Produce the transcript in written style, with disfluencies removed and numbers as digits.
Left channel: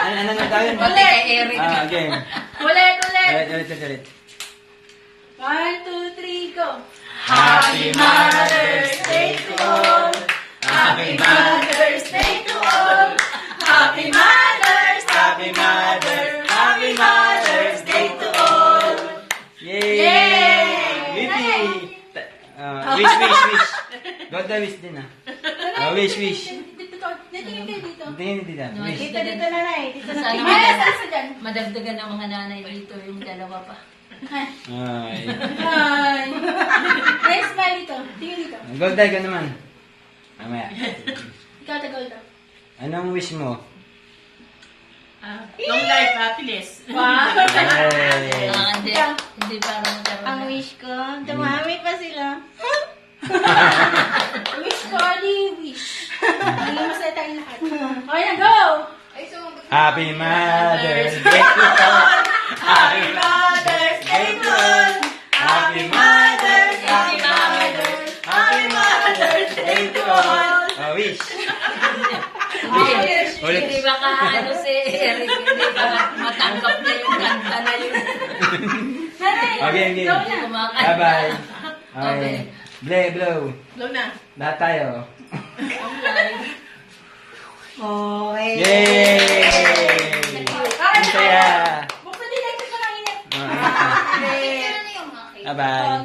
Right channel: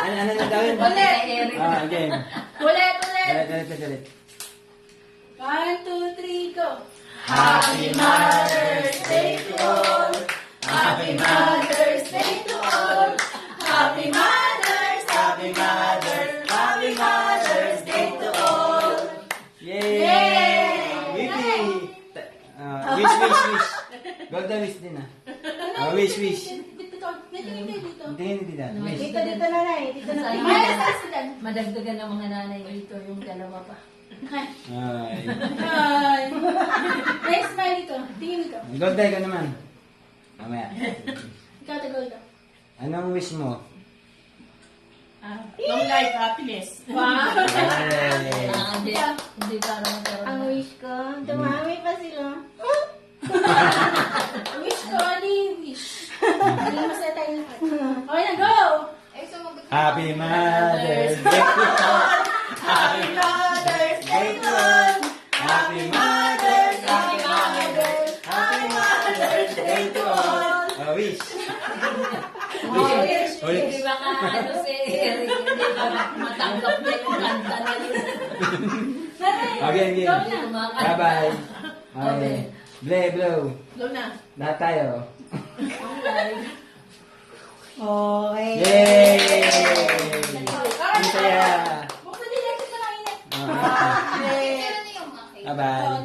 Ano na tawin? Ulit. Game. Ulit. Ulit. 1, 2, 3, go. Happy Mother's Day to all. Happy Mother's Day to all. Happy Mother's, Happy Mother's, Happy Mother's Day to all. Yay! Wipi! Wish. Golda wish din wish. Dito. Natingin kayo dito. Tingin dito. Wish. Dito nanay. Dito na. Ay, nasa dyan. Madagdagan ng mga nanay dito yung dalawa pa. Ay. Hi. Nice smile dito. Tingin dito. Golda, ikaw naman. Mamaya. Ikaw, Tagolda. Anong wish mo? Long life, happiness. Wow. Yay! Hindi para magkaroon. Ang wish ko, dumami pa sila. Wish ko, wish. Hindi masaya tayong lahat. Okay na, go! Happy Mother's Day to all! Happy Mother's Day to all. Happy Mother's, Happy Mother's, Happy Mother's Day to all. Wish! Ulit. Hindi ba ano si Eric? Hindi ba matanggap niya yung kanta na yun? Okay. Go na. Kumakanta. Bye-bye. Okay. Blow. Blow na. Lahat tayo. Okay. Yay! Ang saya. Buksan nila ito pa lang init. Bye-bye. Oh,